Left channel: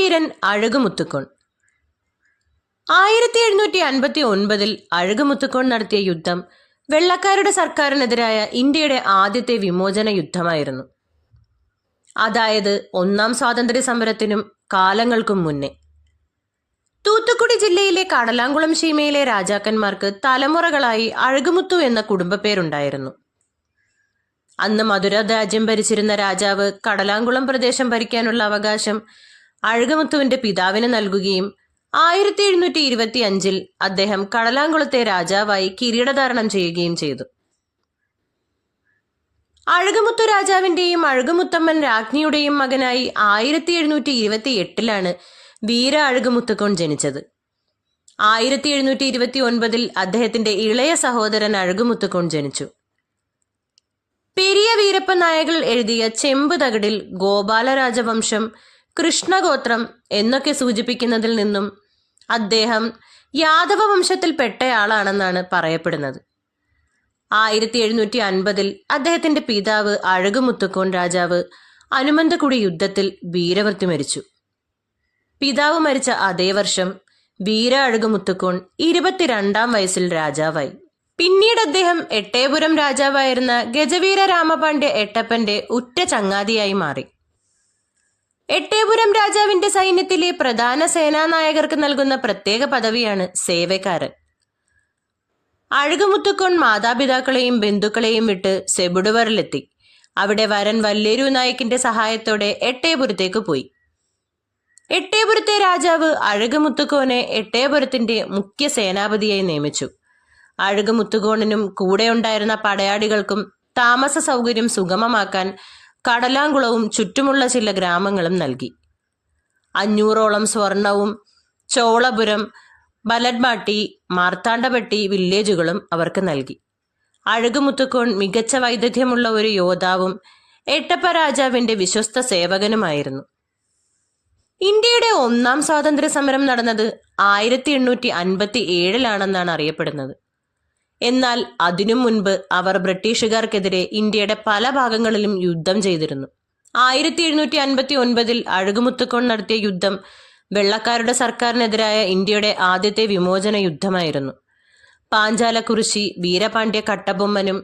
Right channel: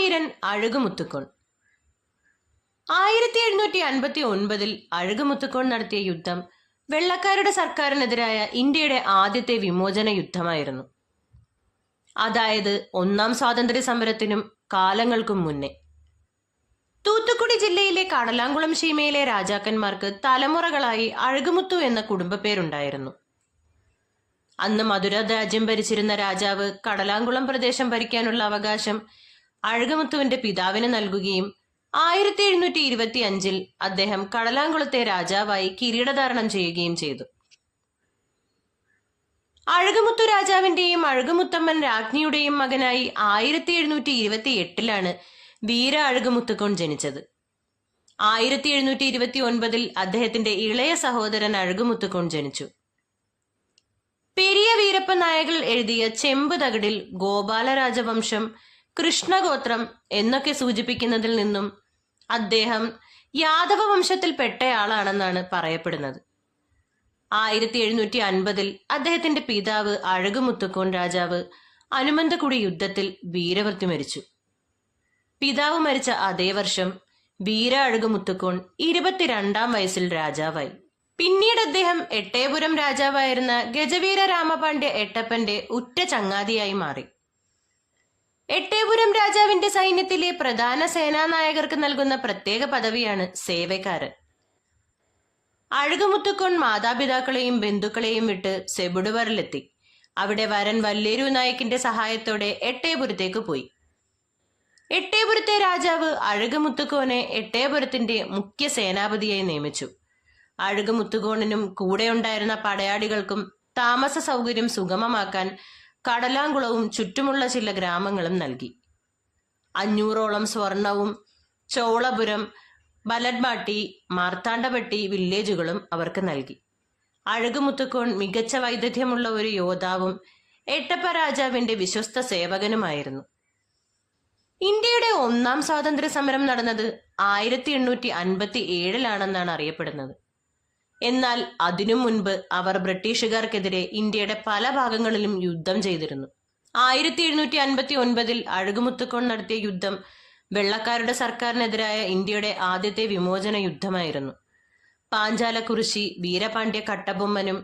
മഹാവീരൻ അഴകുമുത്തുക്കോൺ. 1759 അഴകുമുത്തുക്കോൺ നടത്തിയ യുദ്ധം വെള്ളക്കാരുടെ സർക്കാരിനെതിരായ ഇന്ത്യയുടെ ആദ്യത്തെ വിമോചന യുദ്ധമായിരുന്നു. അതായത് ഒന്നാം സ്വാതന്ത്ര്യ സമരത്തിനും കാലങ്ങൾക്കും മുന്നേ. തൂത്തുക്കുടി ജില്ലയിലെ കടലാങ്കുളം സീമയിലെ രാജാക്കന്മാർക്ക് തലമുറകളായി അഴകുമുത്തു എന്ന കുടുംബപ്പേരുണ്ടായിരുന്നു. അന്ന് മധുര രാജ്യം ഭരിച്ചിരുന്ന രാജാവ് കടലാങ്കുളം പ്രദേശം ഭരിക്കാനുള്ള അവകാശം അഴകുമുത്തുവിന്റെ പിതാവിന് നൽകുകയും 1725 അദ്ദേഹം കടലാങ്കുളത്തെ രാജാവായി കിരീടധാരണം ചെയ്യുകയും ചെയ്തു. അഴകുമുത്തു രാജാവിന്റെയും അഴകുമുത്തമ്മൻ രാജ്ഞിയുടെയും മകനായി 1728 വീര അഴകുമുത്തുക്കോൺ ജനിച്ചത്. 1729 അദ്ദേഹത്തിന്റെ ഇളയ സഹോദരൻ അഴകുമുത്തുക്കോൺ ജനിച്ചു. പെരിയ വീരപ്പ നായകൾ എഴുതിയ ചെമ്പ് തകിടിൽ ഗോപാല രാജവംശം, കൃഷ്ണഗോത്രം എന്നൊക്കെ സൂചിപ്പിക്കുന്നതിൽ നിന്നും അദ്ദേഹം യാദവ വംശത്തിൽപ്പെട്ടയാളാണെന്നാണ് പറയപ്പെടുന്നത്. 1750 അദ്ദേഹത്തിന്റെ പിതാവ് അഴകുമുത്തുക്കോൺ രാജാവ് അനുമന്തകുടി യുദ്ധത്തിൽ വീരമൃത്യു മരിച്ചു. പിതാവ് മരിച്ച അതേ വർഷം വീര അഴകുമുത്തുക്കോൺ 22-ാം വയസ്സിൽ രാജാവായി. പിന്നീട് അദ്ദേഹം എട്ടയപുരം രാജാവായിരുന്ന ഗജവീര രാമപാണ്ഡ്യ എട്ടപ്പന്റെ ഉറ്റ ചങ്ങാതിയായി മാറി. എട്ടയപുരം രാജാവിന്റെ സൈന്യത്തിലെ പ്രധാന സേനാനായകർക്ക് നൽകുന്ന പ്രത്യേക പദവിയാണ് സേവക്കാരൻ. അഴകുമുത്തുക്കോൺ മാതാപിതാക്കളെയും ബന്ധുക്കളെയും വിട്ട് സെബുടുവറിലെത്തി. അവിടെ വരൻ വല്ലേരു നായിക്കിന്റെ സഹായത്തോടെ എട്ടയപുരത്തേക്ക് പോയി. എട്ടയപുരത്തെ രാജാവ് അഴകുമുത്തുക്കോനെ എട്ടയപുരത്തിന്റെ മുഖ്യ സേനാപതിയായി നിയമിച്ചു. അഴകുമുത്തുക്കോണിനും കൂടെ ഉണ്ടായിരുന്ന പടയാളികൾക്കും താമസ സൗകര്യം സുഗമമാക്കാൻ കടലാങ്കുളവും ചുറ്റുമുള്ള ചില ഗ്രാമങ്ങളും നൽകി. 500ഓളം സ്വർണവും ചോളപുരം, ബലഡ്മാട്ടി, മാർത്താണ്ഡപട്ടി വില്ലേജുകളും അവർക്ക് നൽകി. അഴകുമുത്തുക്കോൺ മികച്ച വൈദഗ്ധ്യമുള്ള ഒരു യോദ്ധാവും എട്ടപ്പ രാജാവിന്റെ വിശ്വസ്ത സേവകനുമായിരുന്നു. ഇന്ത്യയുടെ ഒന്നാം സ്വാതന്ത്ര്യ സമരം നടന്നത് 1857 അറിയപ്പെടുന്നത്. എന്നാൽ അതിനു മുൻപ് അവർ ബ്രിട്ടീഷുകാർക്കെതിരെ ഇന്ത്യയുടെ പല ഭാഗങ്ങളിലും യുദ്ധം ചെയ്തിരുന്നു. 1759 അഴകുമുത്തുക്കോൺ നടത്തിയ യുദ്ധം വെള്ളക്കാരുടെ സർക്കാരിനെതിരായ ഇന്ത്യയുടെ ആദ്യത്തെ വിമോചന യുദ്ധമായിരുന്നു. പാഞ്ചാലക്കുറിശി വീരപാണ്ഡ്യ കട്ടബൊമ്മനും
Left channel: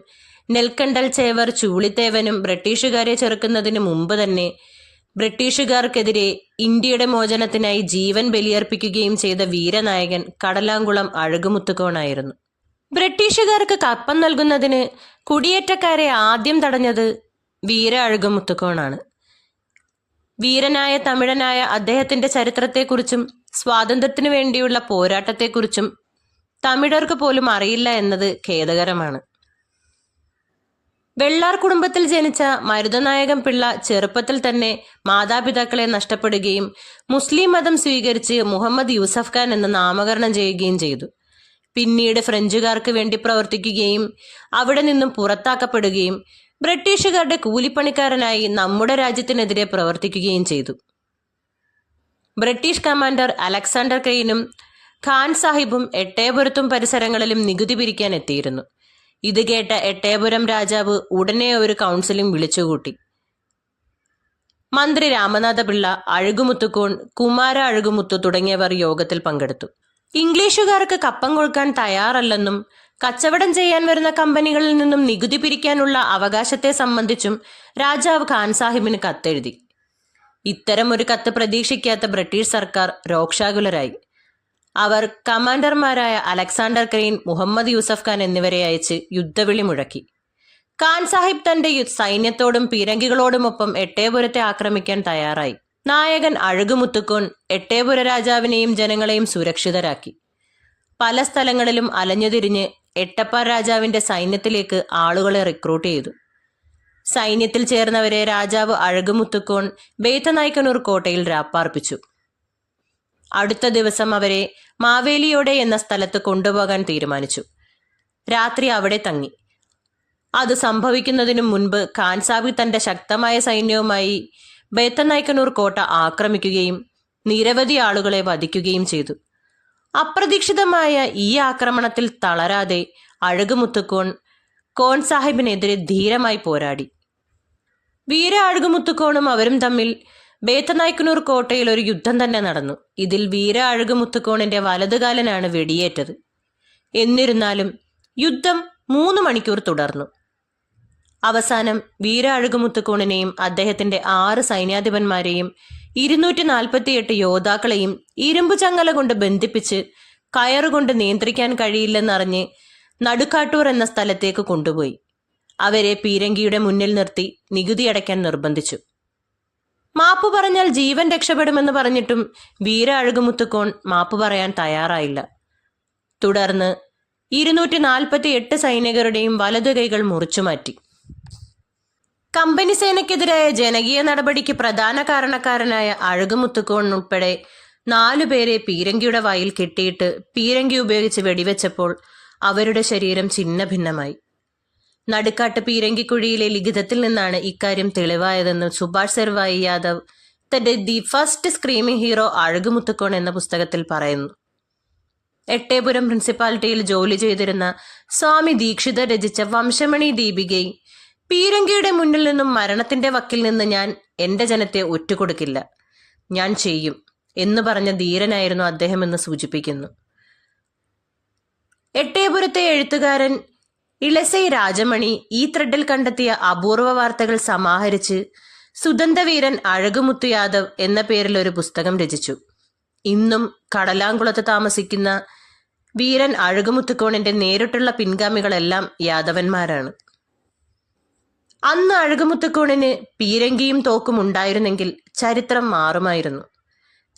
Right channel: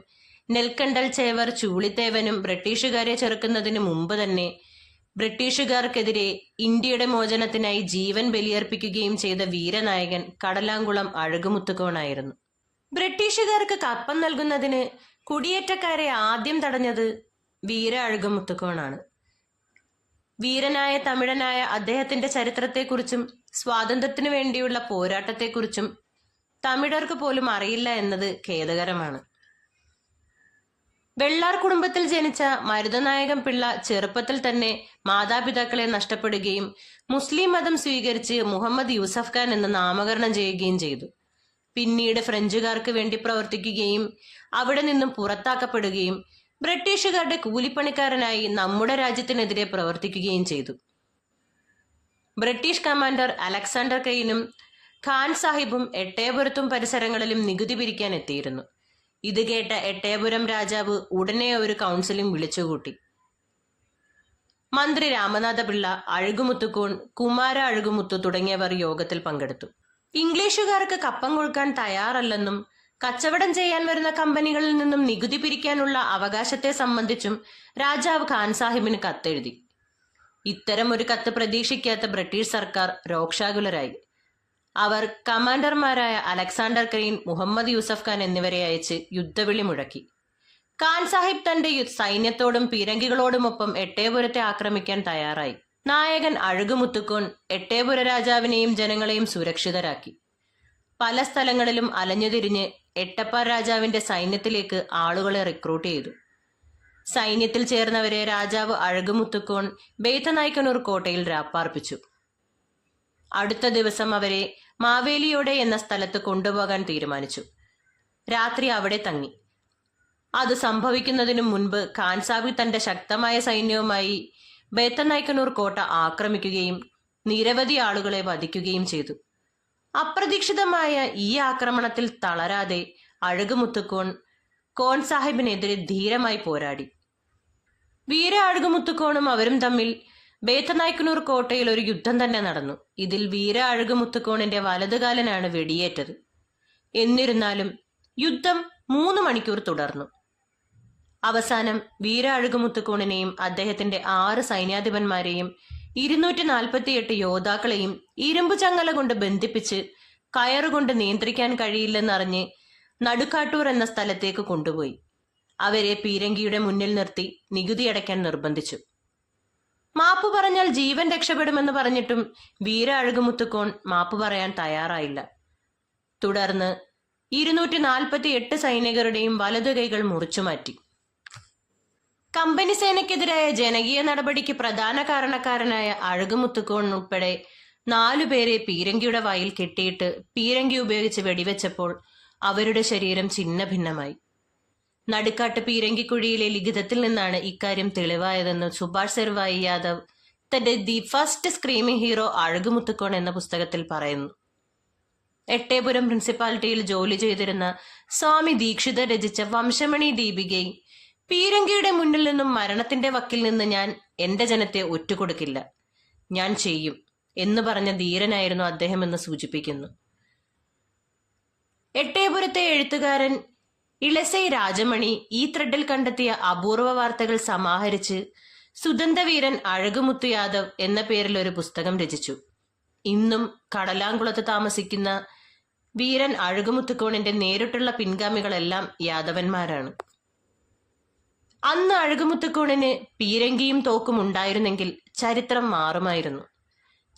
നെൽക്കണ്ടൽ ചേവർ ചൂളിത്തേവനും ബ്രിട്ടീഷുകാരെ ചെറുക്കുന്നതിന് മുമ്പ് തന്നെ ബ്രിട്ടീഷുകാർക്കെതിരെ ഇന്ത്യയുടെ മോചനത്തിനായി ജീവൻ ബലിയർപ്പിക്കുകയും ചെയ്ത വീരനായകൻ കടലാങ്കുളം അഴകുമുത്തുക്കോണായിരുന്നു. ബ്രിട്ടീഷുകാർക്ക് കപ്പം നൽകുന്നതിന് കുടിയേറ്റക്കാരെ ആദ്യം തടഞ്ഞത് വീര അഴകുമുത്തുക്കോണാണ്. വീരനായ തമിഴനായ അദ്ദേഹത്തിന്റെ ചരിത്രത്തെക്കുറിച്ചും സ്വാതന്ത്ര്യത്തിനു വേണ്ടിയുള്ള പോരാട്ടത്തെക്കുറിച്ചും തമിഴർക്ക് പോലും അറിയില്ല എന്നത് ഖേദകരമാണ്. വെള്ളാർ കുടുംബത്തിൽ ജനിച്ച മരുതനായകം പിള്ള ചെറുപ്പത്തിൽ തന്നെ മാതാപിതാക്കളെ നഷ്ടപ്പെടുകയും മുസ്ലിം മതം സ്വീകരിച്ച് മുഹമ്മദ് യൂസഫ് ഖാൻ എന്ന് നാമകരണം ചെയ്യുകയും ചെയ്തു. പിന്നീട് ഫ്രഞ്ചുകാർക്ക് വേണ്ടി പ്രവർത്തിക്കുകയും അവിടെ നിന്നും പുറത്താക്കപ്പെടുകയും ബ്രിട്ടീഷുകാരുടെ കൂലിപ്പണിക്കാരനായി നമ്മുടെ രാജ്യത്തിനെതിരെ പ്രവർത്തിക്കുകയും ചെയ്തു. ബ്രിട്ടീഷ് കമാൻഡർ അലക്സാണ്ടർ ക്രെയിനും ഖാൻ സാഹിബും എട്ടയപുരത്തും പരിസരങ്ങളിലും നികുതി പിരിക്കാൻ എത്തിയിരുന്നു. ഇത് കേട്ട എട്ടയപുരം രാജാവ് ഉടനെ ഒരു കൗൺസിലിംഗ് വിളിച്ചുകൂട്ടി. മന്ത്രി രാമനാഥ പിള്ള, അഴകുമുത്തുക്കോൺ, കുമാര അഴകുമുത്തു തുടങ്ങിയവർ യോഗത്തിൽ പങ്കെടുത്തു. ഇംഗ്ലീഷുകാർക്ക് കപ്പം കൊടുക്കാൻ തയ്യാറല്ലെന്നും കച്ചവടം ചെയ്യാൻ വരുന്ന കമ്പനികളിൽ നിന്നും നികുതി പിരിക്കാനുള്ള അവകാശത്തെ സംബന്ധിച്ചും രാജാവ് ഖാൻ സാഹിബിന് കത്തെഴുതി. ഇത്തരം ഒരു കത്ത് പ്രതീക്ഷിക്കാത്ത ബ്രിട്ടീഷ് സർക്കാർ രോക്ഷാകുലരായി. അവർ കമാൻഡർമാരായ അലക്സാണ്ടർ ക്രെയിൻ, മുഹമ്മദ് യൂസഫ് ഖാൻ എന്നിവരെ അയച്ച് യുദ്ധവിളി മുഴക്കി. ഖാൻ സാഹിബ് തന്റെ സൈന്യത്തോടും പീരങ്കികളോടുമൊപ്പം എട്ടയപുരത്തെ ആക്രമിക്കാൻ തയ്യാറായി. നായകൻ അഴകുമുത്തുക്കോൺ എട്ടയപുര രാജാവിനെയും ജനങ്ങളെയും സുരക്ഷിതരാക്കി. പല സ്ഥലങ്ങളിലും അലഞ്ഞുതിരിഞ്ഞ് എട്ടപ്പ രാജാവിന്റെ സൈന്യത്തിലേക്ക് ആളുകളെ റിക്രൂട്ട് ചെയ്തു. സൈന്യത്തിൽ ചേർന്നവരെ രാജാവ് അഴകുമുത്തുക്കോൺ ബേത്തനായ്ക്കനൂർ കോട്ടയിൽ രാപ്പാർപ്പിച്ചു. അടുത്ത ദിവസം അവരെ മാവേലിയോടെ എന്ന സ്ഥലത്ത് കൊണ്ടുപോകാൻ തീരുമാനിച്ചു. രാത്രി അവിടെ തങ്ങി. അത് സംഭവിക്കുന്നതിനു മുൻപ് ഖാൻ സാഹിബ് തന്റെ ശക്തമായ സൈന്യവുമായി ബേത്തനായ്ക്കനൂർ കോട്ട ആക്രമിക്കുകയും നിരവധി ആളുകളെ വധിക്കുകയും ചെയ്തു. അപ്രതീക്ഷിതമായ ഈ ആക്രമണത്തിൽ തളരാതെ അഴകുമുത്തുക്കോൺ കോൺ സാഹിബിനെതിരെ ധീരമായി പോരാടി. വീര അഴകുമുത്തുക്കോണും അവരും തമ്മിൽ ബേത്തനായ്ക്കനൂർ കോട്ടയിൽ ഒരു യുദ്ധം തന്നെ നടന്നു. ഇതിൽ വീര അഴകുമുത്തുക്കോണിന്റെ വലതുകാലനാണ് വെടിയേറ്റത്. എന്നിരുന്നാലും യുദ്ധം 3 മണിക്കൂർ തുടർന്നു. അവസാനം വീര അഴകുമുത്തുക്കോണിനെയും അദ്ദേഹത്തിന്റെ 6 സൈന്യാധിപന്മാരെയും 248 യോദ്ധാക്കളെയും ഇരുമ്പു ചങ്ങല കൊണ്ട് ബന്ധിപ്പിച്ച് കയറുകൊണ്ട് നിയന്ത്രിക്കാൻ കഴിയില്ലെന്നറിഞ്ഞ് നടുക്കാട്ടൂർ എന്ന സ്ഥലത്തേക്ക് കൊണ്ടുപോയി. അവരെ പീരങ്കിയുടെ മുന്നിൽ നിർത്തി നികുതി അടയ്ക്കാൻ നിർബന്ധിച്ചു. മാപ്പു പറഞ്ഞാൽ ജീവൻ രക്ഷപ്പെടുമെന്ന് പറഞ്ഞിട്ടും വീര അഴകുമുത്തുക്കോൺ മാപ്പു പറയാൻ തയ്യാറായില്ല. തുടർന്ന് 248 സൈനികരുടെയും വലതു കൈകൾ മുറിച്ചുമാറ്റി. കമ്പനി സേനയ്ക്കെതിരായ ജനകീയ നടപടിക്ക് പ്രധാന കാരണക്കാരനായ അഴകുമുത്തുക്കോൺ ഉൾപ്പെടെ 4 പേരെ പീരങ്കിയുടെ വായിൽ കെട്ടിയിട്ട് പീരങ്കി ഉപയോഗിച്ച് വെടിവെച്ചപ്പോൾ അവരുടെ ശരീരം ഛിന്ന ഭിന്നമായി. നടുക്കാട്ട് പീരങ്കിക്കുഴിയിലെ ലിഖിതത്തിൽ നിന്നാണ് ഇക്കാര്യം തെളിവായതെന്ന് സുഭാഷ് സർവായി യാദവ് തന്റെ ദി ഫസ്റ്റ് സ്ക്രീമിംഗ് ഹീറോ അഴകുമുത്തുക്കോൺ എന്ന പുസ്തകത്തിൽ പറയുന്നു. എട്ടേപുരം പ്രിൻസിപ്പാലിറ്റിയിൽ ജോലി ചെയ്തിരുന്ന സ്വാമി ദീക്ഷിതർ രചിച്ച വംശമണി ദീപികയിൽ പീരങ്കിയുടെ മുന്നിൽ നിന്നും മരണത്തിന്റെ വക്കിൽ നിന്ന് ഞാൻ എന്റെ ജനത്തെ ഒറ്റുകൊടുക്കില്ല, ഞാൻ ചെയ്യും എന്ന് പറഞ്ഞ ധീരനായിരുന്നു അദ്ദേഹം എന്ന് സൂചിപ്പിക്കുന്നു. എട്ടേപുരത്തെ എഴുത്തുകാരൻ ഇളസൈ രാജമണി ഈ ത്രെഡിൽ കണ്ടെത്തിയ അപൂർവ വാർത്തകൾ സമാഹരിച്ച് സുദന്തവീരൻ അഴകുമുത്തു യാദവ് എന്ന പേരിൽ ഒരു പുസ്തകം രചിച്ചു. ഇന്നും കടലാംകുളത്ത് താമസിക്കുന്ന വീരൻ അഴകുമുത്തുക്കോണിന്റെ നേരിട്ടുള്ള പിൻഗാമികളെല്ലാം യാദവന്മാരാണ്. അന്ന് അഴകുമുത്തുക്കോണിന് പീരങ്കിയും തോക്കും ഉണ്ടായിരുന്നെങ്കിൽ ചരിത്രം മാറുമായിരുന്നു.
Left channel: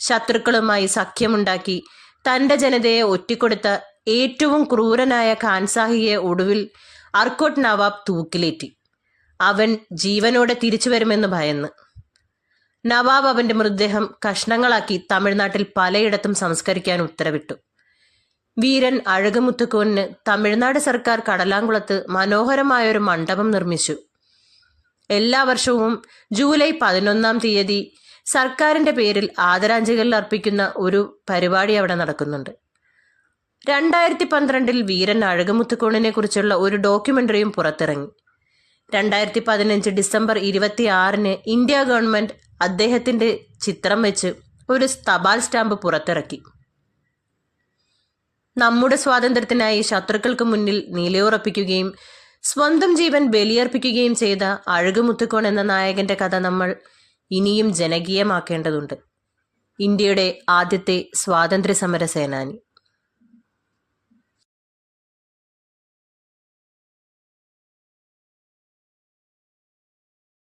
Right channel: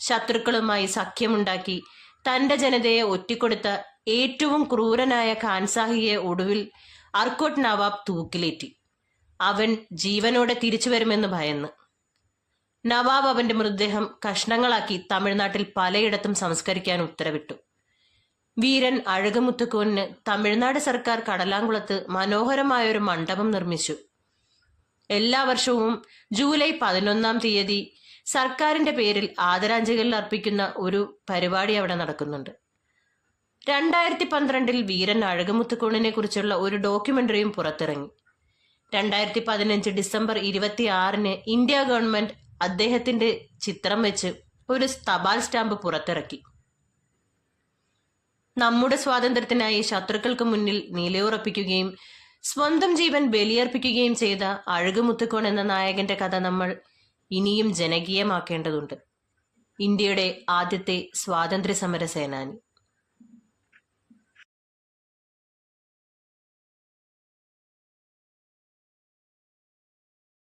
ശത്രുക്കളുമായി സഖ്യമുണ്ടാക്കി തന്റെ ജനതയെ ഒറ്റിക്കൊടുത്ത ഏറ്റവും ക്രൂരനായ ഖാൻസാഹിയെ ഒടുവിൽ അർക്കോട്ട് നവാബ് തൂക്കിലേറ്റി. അവൻ ജീവനോടെ തിരിച്ചു വരുമെന്ന് ഭയന്ന്. നവാബ് അവന്റെ മൃതദേഹം കഷ്ണങ്ങളാക്കി തമിഴ്നാട്ടിൽ പലയിടത്തും സംസ്കരിക്കാൻ ഉത്തരവിട്ടു. വീരൻ അഴകുമുത്തുക്കോണിന് തമിഴ്നാട് സർക്കാർ കടലാംകുളത്ത് മനോഹരമായൊരു മണ്ഡപം നിർമ്മിച്ചു. എല്ലാ വർഷവും ജൂലൈ 11-ാം തീയതി സർക്കാരിന്റെ പേരിൽ ആദരാഞ്ജലികൾ അർപ്പിക്കുന്ന ഒരു പരിപാടി അവിടെ നടക്കുന്നുണ്ട്. 2012 വീരൻ അഴകുമുത്തുക്കോണിനെ കുറിച്ചുള്ള ഒരു ഡോക്യുമെന്ററിയും പുറത്തിറങ്ങി. 2015 ഡിസംബർ 26 ഇന്ത്യ ഗവൺമെന്റ് അദ്ദേഹത്തിന്റെ ചിത്രം വെച്ച് ഒരു തപാൽ സ്റ്റാമ്പ് പുറത്തിറക്കി. നമ്മുടെ സ്വാതന്ത്ര്യത്തിനായി ശത്രുക്കൾക്ക് മുന്നിൽ നിലയുറപ്പിക്കുകയും സ്വന്തം ജീവൻ ബലിയർപ്പിക്കുകയും ചെയ്ത അഴകുമുത്തുക്കോൺ എന്ന നായകന്റെ കഥ നമ്മൾ ഇനിയും ജനകീയമാക്കേണ്ടതുണ്ട്. ഇന്ത്യയുടെ ആദ്യത്തെ സ്വാതന്ത്ര്യ സമര സേനാനി.